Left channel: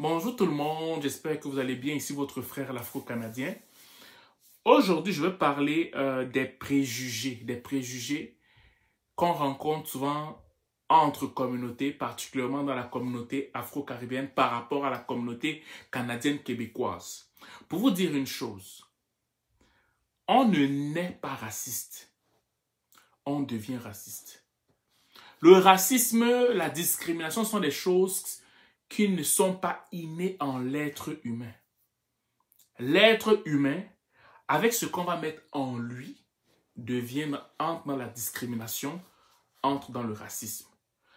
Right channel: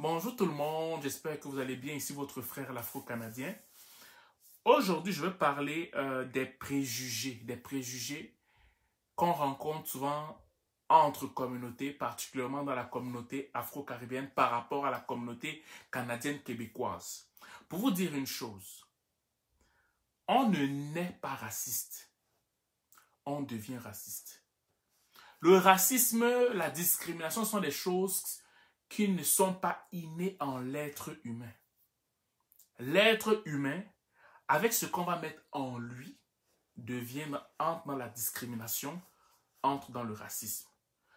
Bonjour tout le monde, j'espère que vous allez bien. Ici votre frère l'Afro-Canadien. Aujourd'hui, je vais parler des préjugés qu'on rencontre souvent entre communautés, particulièrement dans la communauté afro-caribéenne par rapport à la communauté canadienne québécoise. Pour vous dire une chose, on ne naît pas raciste, on devient raciste. Le racisme, la discrimination sont des choses qui ne sont pas innées en l'être humain. L'être humain, avec ce qu'on va mettre en lui, entre dans la discrimination, entre dans le racisme.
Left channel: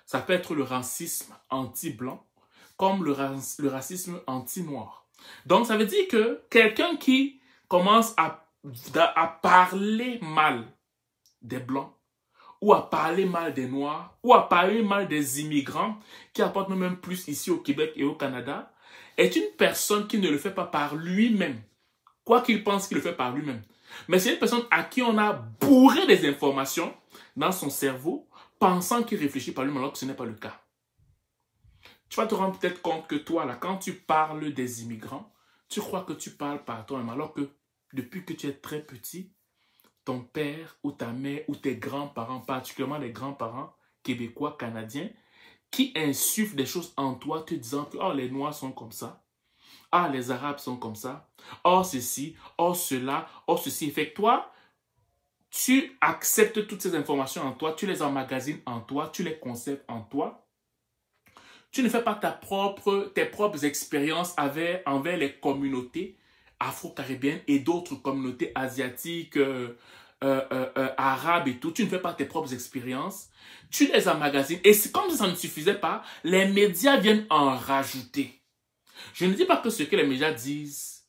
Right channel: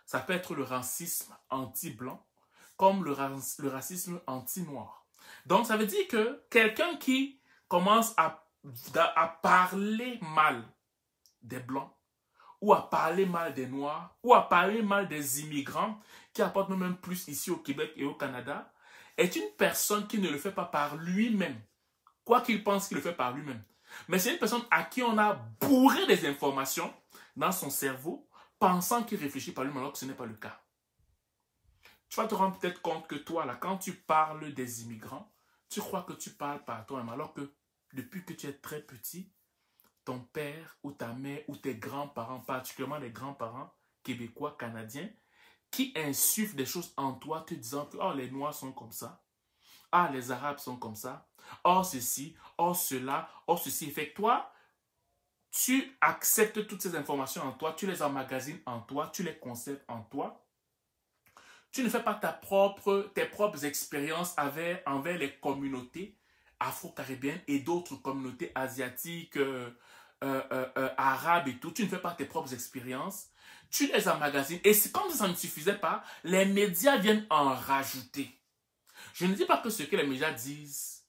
Ça peut être le racisme anti-blanc, comme le racisme anti-noir. Donc, ça veut dire que quelqu'un qui commence à parler mal des blancs, ou à parler mal des Noirs, ou à parler mal des immigrants, qui apportent même plus ici au Québec et au Canada, est une personne qui ne le fait pas par lui-même, quoi qu'il pense qu'il le fait par lui-même. Mais c'est une personne à qui on a bourré des informations dans son cerveau, pensant qu'il réfléchit par lui-même, alors que ce n'est pas le cas. Tu vas te rendre peut-être compte que toi, là, quand tu parles des immigrants, tu crois que tu parles par toi-même, alors que depuis que tu es très petit, ton père ou ta mère ou tes grands-parents, particulièrement les grands-parents québécois, canadiens, qui insufflent des choses en toi te disant que oh, les Noirs sont comme ça, ah, les Arabes sont comme ça, oh, ceci, oh, cela, oh, ceci. Fait que toi, tu acceptes toutes ces informations en toi, tu les emmagasines en toi, tu les conserves en toi. Tu ne fais pas tes propres expériences envers les communautés afro-caribéennes et d'autres communautés asiatiques, arabes et tout. Tu ne fais pas tes propres expériences. Tu les emmagasines. Et c'est comme si ça ne suffisait pas, les médias viennent en rajouter. Je ne dis pas que ce que les médias disent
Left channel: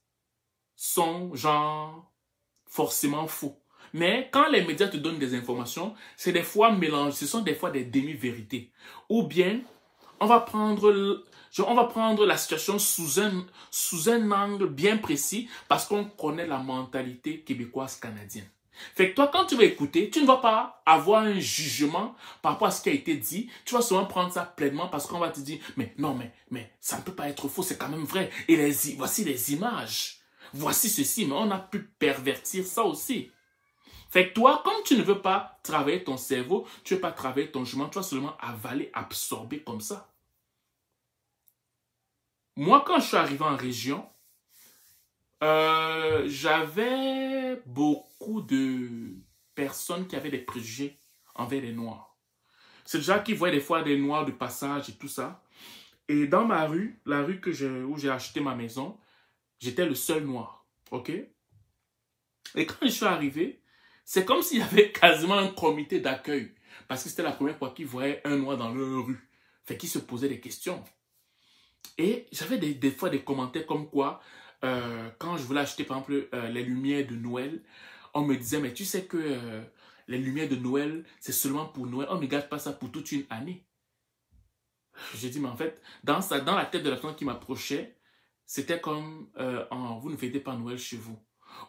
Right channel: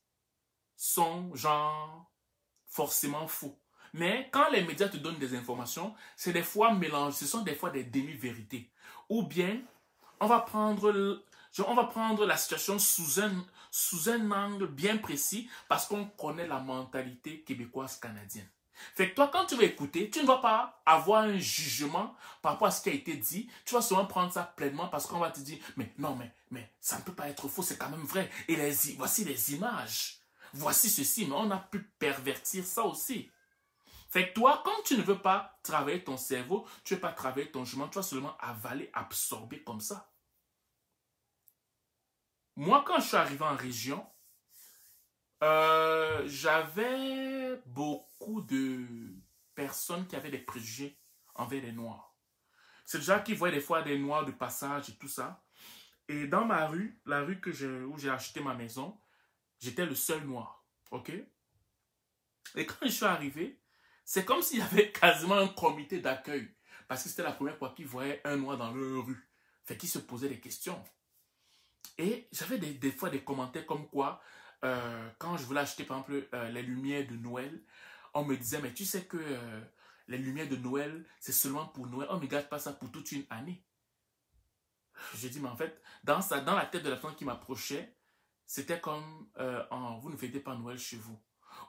sont genre forcément faux. Mais quand les médias te donnent des informations, c'est des fois mélangé, ce sont des fois des demi-vérités. Ou bien, on va prendre la situation sous un angle bien précis parce qu'on connaît la mentalité québécoise canadienne. Fait que toi, quand tu vas écouter, tu ne vas pas avoir un jugement par rapport à ce qui a été dit. Tu vas seulement prendre ça pleinement parce qu'on va te dire, mais non, mais ça ne peut pas être faux, c'est quand même vrai. Et voici les images. Voici ceci, mais on a pu pervertir ça aussi. Fait que toi, comme tu ne veux pas travailler ton cerveau, tu ne veux pas travailler ton jugement, tu vas seulement avaler, absorber comme ça. Moi, quand je suis arrivé en région, j'avais beaucoup de personnes qui avaient des préjugés envers les Noirs. C'est déjà qui voyaient des fois des Noirs de passage et tout ça. Et dans ma rue, la rue où j'ai acheté ma maison, j'étais le seul Noir. OK? Et quand je suis arrivé, c'est comme s'il y avait quasiment un comité d'accueil. Parce que c'était la première fois qu'ils voyaient un Noir dans leur rue. Fait qu'ils se posaient des questions. Et j'avais des fois des commentaires comme quoi, quand je voulais acheter par exemple les lumières de Noël, on me disait, mais tu sais que les lumières de Noël, c'est seulement pour Noël. On ne garde pas ça pour toute une année. J'ai dit, mais en fait, dans la tête de la personne qui m'approchait, c'était comme, vous ne fêtez pas Noël chez vous.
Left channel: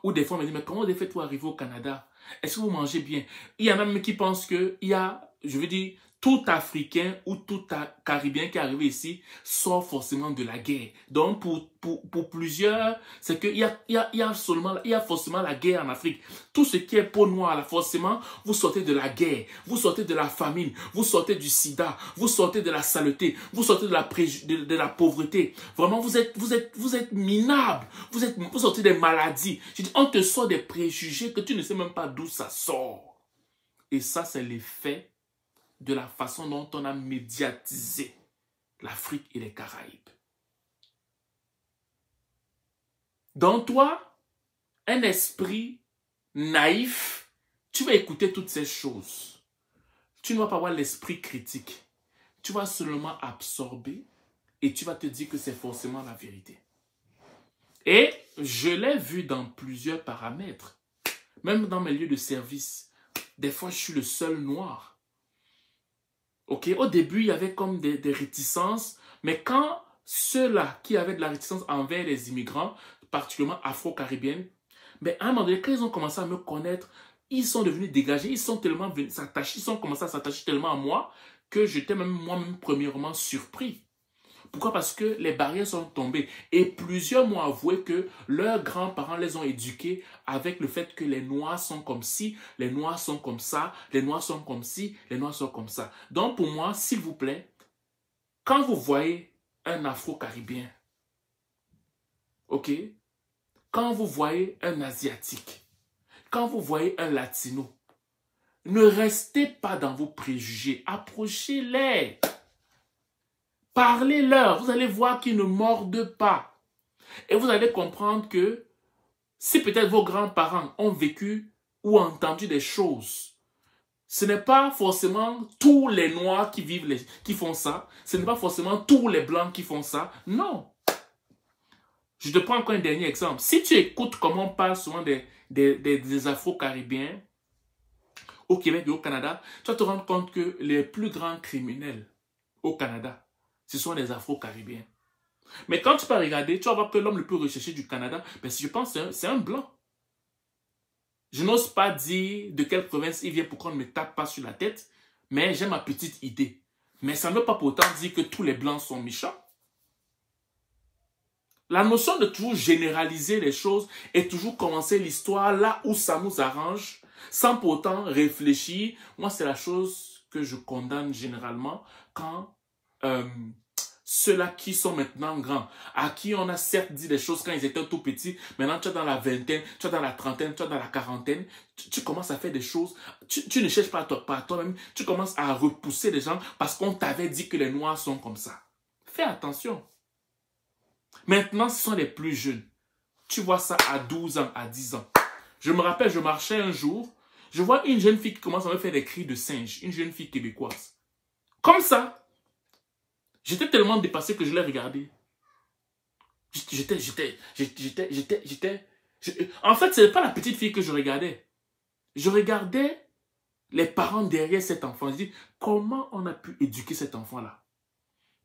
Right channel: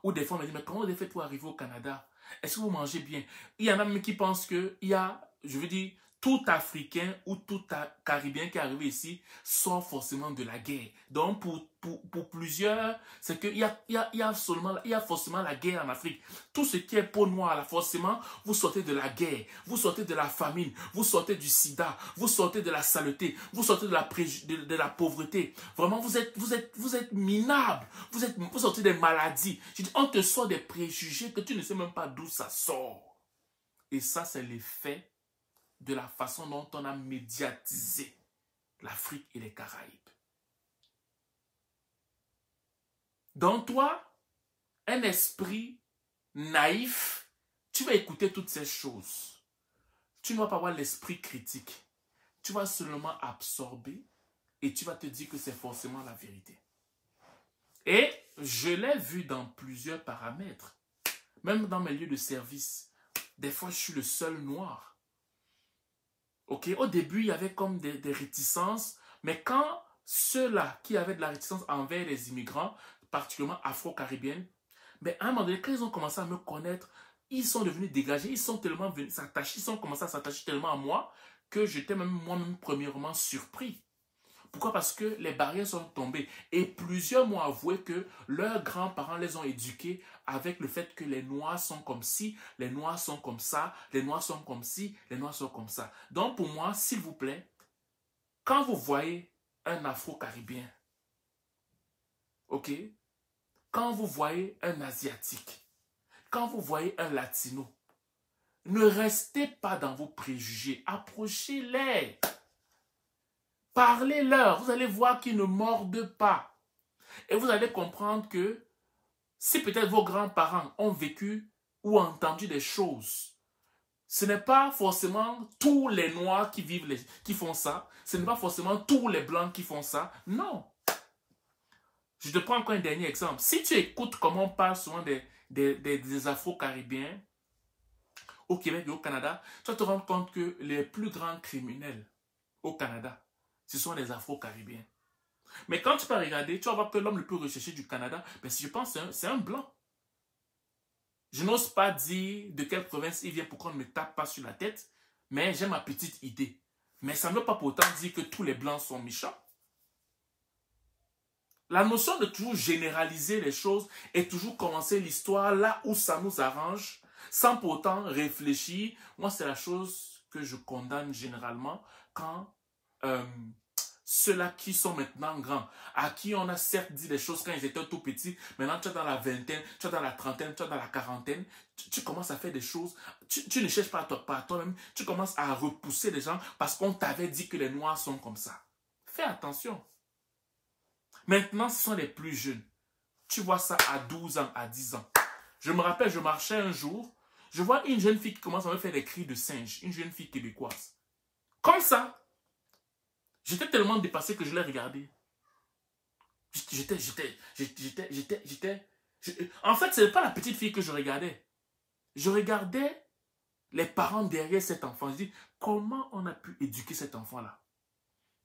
Ou des fois, on me dit, mais comment vous faites-vous arriver au Canada? Est-ce que vous mangez bien? Il y a même qui pensent qu'il y a, je veux dire, tout Africain ou tout Caribéen qui est arrivé ici sort forcément de la guerre. Donc, pour plusieurs, c'est qu'il y a forcément la guerre en Afrique. Tout ce qui est peau noire, là, forcément, vous sortez de la guerre, vous sortez de la famine, vous sortez du sida, vous sortez de la saleté, vous sortez de la pauvreté. Vraiment, vous êtes minable, vous sortez des maladies. Je dis, on te sort des préjugés que tu ne sais même pas d'où ça sort. Et ça, c'est l'effet de la façon dont on a médiatisé l'Afrique et les Caraïbes. Dans toi, un esprit naïf, tu vas écouter toutes ces choses. Tu ne vas pas avoir l'esprit critique. Tu vas seulement absorber et tu vas te dire que c'est forcément la vérité. Et je l'ai vu dans plusieurs paramètres, même dans mes lieux de service. Des fois, je suis le seul Noir. Ok, au début, il y avait comme des réticences, mais quand ceux-là qui avaient de la réticence envers les immigrants, particulièrement afro-caribéennes, mais à un moment donné, quand ils ont commencé à me connaître, ils sont devenus dégagés, ils sont tellement venus s'attacher, ils ont commencé à s'attacher tellement à moi que j'étais même moi-même premièrement surpris. Pourquoi? Parce que les barrières sont tombées. Et plusieurs m'ont avoué que leurs grands-parents les ont éduqués avec le fait que les Noirs sont comme ci, les Noirs sont comme ça, les Noirs sont comme ci, les Noirs sont comme ça. Donc pour moi, s'il vous plaît, quand vous voyez un Afro-Caribéen, ok? Quand vous voyez un Asiatique, quand vous voyez un Latino, ne restez pas dans vos préjugés, approchez-les. Parlez-leur, vous allez voir qu'ils ne mordent pas. Et vous allez comprendre que si peut-être vos grands-parents ont vécu ou entendu des choses, ce n'est pas forcément tous les Noirs qui font ça, ce n'est pas forcément tous les Blancs qui font ça, non. Je te prends encore un dernier exemple. Si tu écoutes comment on parle souvent des Afro-Caribéens au Québec et au Canada, tu vas te rendre compte que les plus grands criminels au Canada, ce sont les Afro-Caribéens. Mais quand tu vas regarder, tu vas voir que l'homme le plus recherché du Canada, ben, je pense que c'est un Blanc. Je n'ose pas dire de quelle province il vient pour qu'on ne me tape pas sur la tête, mais j'ai ma petite idée. Mais ça ne veut pas pourtant dire que tous les Blancs sont méchants. La notion de toujours généraliser les choses et toujours commencer l'histoire là où ça nous arrange, sans pourtant réfléchir, moi c'est la chose que je condamne généralement quand ceux-là qui sont maintenant grands, à qui on a certes dit des choses quand ils étaient tout petits, maintenant tu es dans la vingtaine, tu es dans la trentaine, tu es dans la quarantaine, tu commences à faire des choses, tu ne cherches pas toi-même, tu commences à repousser les gens parce qu'on t'avait dit que les Noirs sont comme ça. Fais attention. Maintenant, ce sont les plus jeunes. Tu vois ça à 12 ans, à 10 ans. Je me rappelle, je marchais un jour, je vois une jeune fille qui commence à me faire des cris de singe, une jeune fille québécoise. Comme ça. J'étais tellement dépassé que je l'ai regardé. En fait, ce n'est pas la petite fille que je regardais. Je regardais les parents derrière cet enfant. Je dis, comment on a pu éduquer cet enfant-là?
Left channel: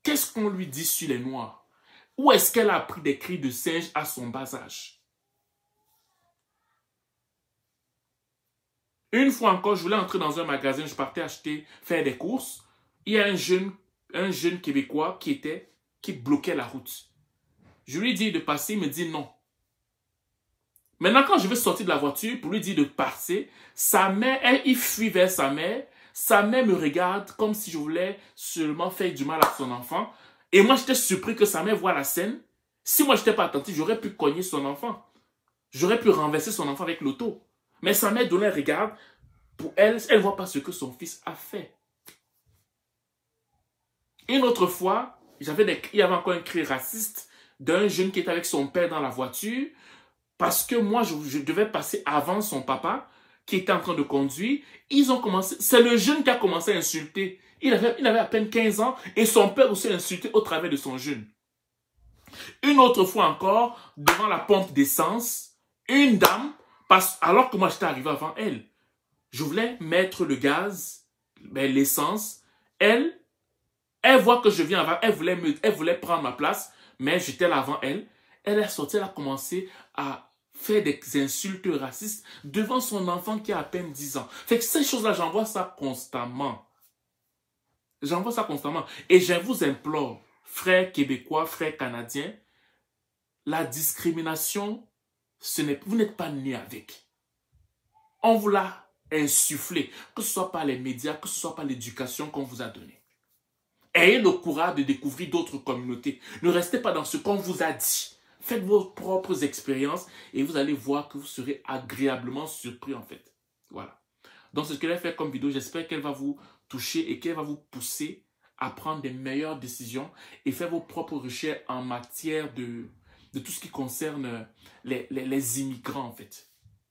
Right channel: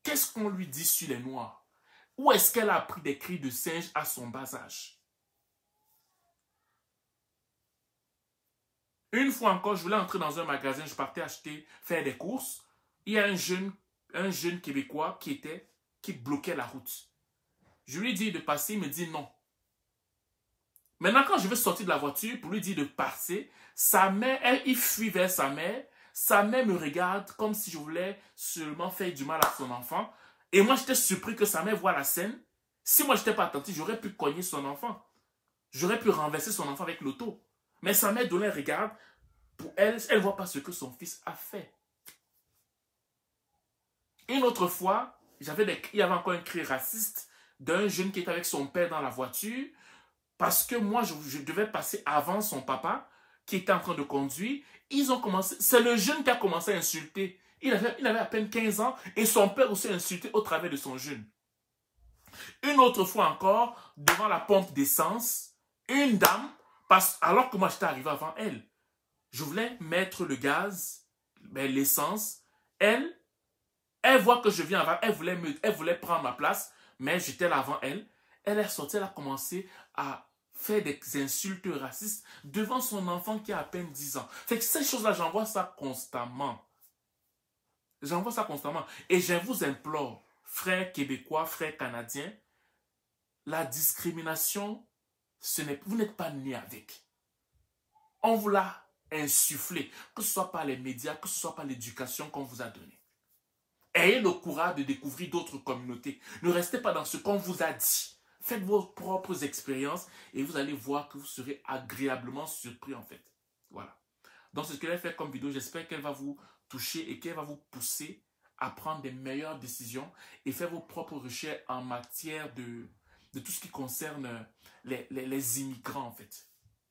Qu'est-ce qu'on lui dit sur les Noirs? Où est-ce qu'elle a appris des cris de singe à son bas âge? Une fois encore, je voulais entrer dans un magasin, je partais faire des courses. Il y a un jeune Québécois qui bloquait la route. Je lui dis de passer, il me dit non. Maintenant, quand je veux sortir de la voiture pour lui dire de passer, sa mère, il fuit vers sa mère me regarde comme si je voulais seulement faire du mal à son enfant. Et moi, j'étais surpris que sa mère voit la scène. Si moi, je n'étais pas attentif, j'aurais pu cogner son enfant. J'aurais pu renverser son enfant avec l'auto. Mais sa mère donnait un regard. Pour elle, elle ne voit pas ce que son fils a fait. Une autre fois, il y avait encore un cri raciste d'un jeune qui était avec son père dans la voiture parce que moi, je devais passer avant son papa qui était en train de conduire. C'est le jeune qui a commencé à insulter. Il avait à peine 15 ans et son père aussi a insulté au travers de son jeune. Une autre fois encore, devant la pompe d'essence, une dame, alors que moi j'étais arrivé avant elle, je voulais mettre le gaz, l'essence, elle voit que je viens avant, elle voulait prendre ma place, mais j'étais là avant elle. Elle est sortie, elle a commencé à faire des insultes racistes devant son enfant qui a à peine 10 ans. Fait que ces choses-là, j'en vois ça constamment. J'en vois ça constamment. Et je vous implore, frères québécois, frères canadiens, la discrimination, vous n'êtes pas nés avec. On vous l'a insufflé, que ce soit par les médias, que ce soit par l'éducation qu'on vous a donnée. Ayez le courage de découvrir d'autres communautés. Ne restez pas dans ce qu'on vous a dit. Faites vos propres expériences et vous allez voir que vous serez agréablement surpris en fait. Voilà. Donc c'est ce que j'ai fait comme vidéo. J'espère qu'elle va vous toucher et qu'elle va vous pousser à prendre des meilleures décisions et faire vos propres recherches en matière de tout ce qui concerne les immigrants en fait.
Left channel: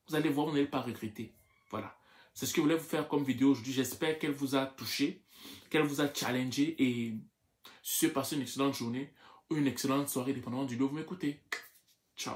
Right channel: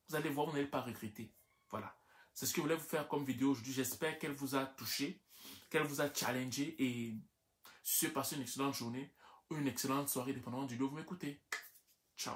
Vous allez voir, vous n'allez pas regretter. Voilà. C'est ce que je voulais vous faire comme vidéo aujourd'hui. J'espère qu'elle vous a touché, qu'elle vous a challengé et si vous passez une excellente journée ou une excellente soirée, dépendamment du lieu où vous m'écoutez. Ciao.